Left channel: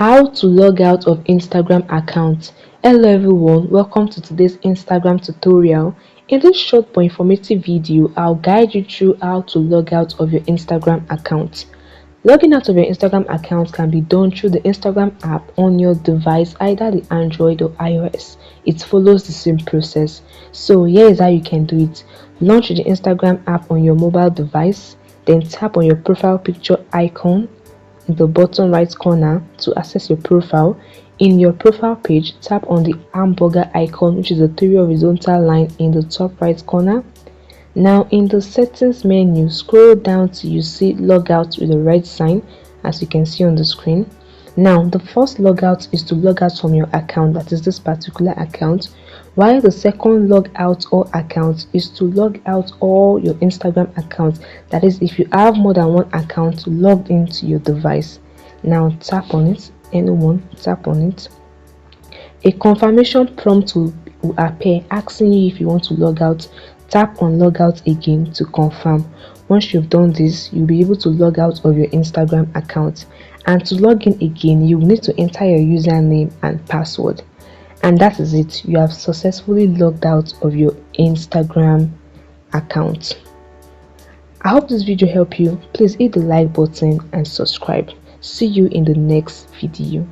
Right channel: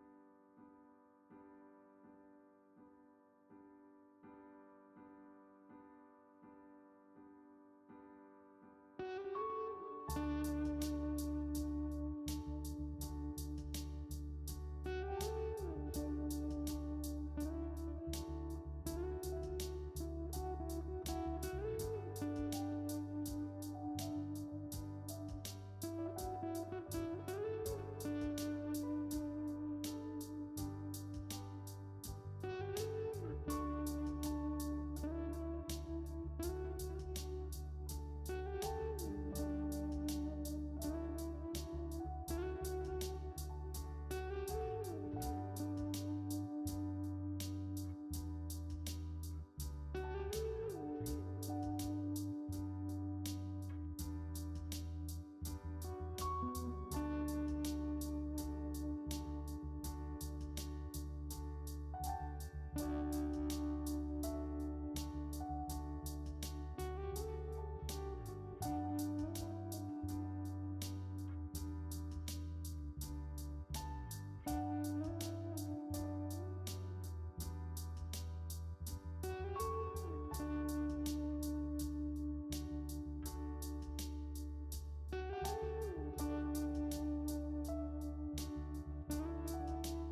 How to log out of Instagram account. Hello everyone, welcome to today's Instagram tutorial. In this short but informative video, I'll guide you through how to log out of your Instagram account. Logging out of your Instagram account can be done through the Instagram app on your device, either the Android or iOS. It follows the same process. So here is how you can do it. Launch the Instagram app on your mobile device, then tap on your profile picture icon in the bottom right corner to access your profile. In your profile page, tap on the hamburger icon, which is a three horizontal line in the top right corner. Now in the settings menu, scroll down till you see logout with a red sign, as you can see on the screen. Now the first logout is to log out from your account, that is this particular account, while the second log out all accounts is to log out all your Instagram accounts, that is if you have more than one account logged into your device. Now tap on it, anyone, tap on it. A confirmation prompt will appear asking you if you want to log out. Tap on log out again to confirm. Once you've done this, you'll be able to log out of your Instagram account. And to log in again, you will need to enter your username and password. And that is it. You have successfully logged out of your Instagram account. I hope this video helped you. Please hit the like button and subscribe. See you in the next video.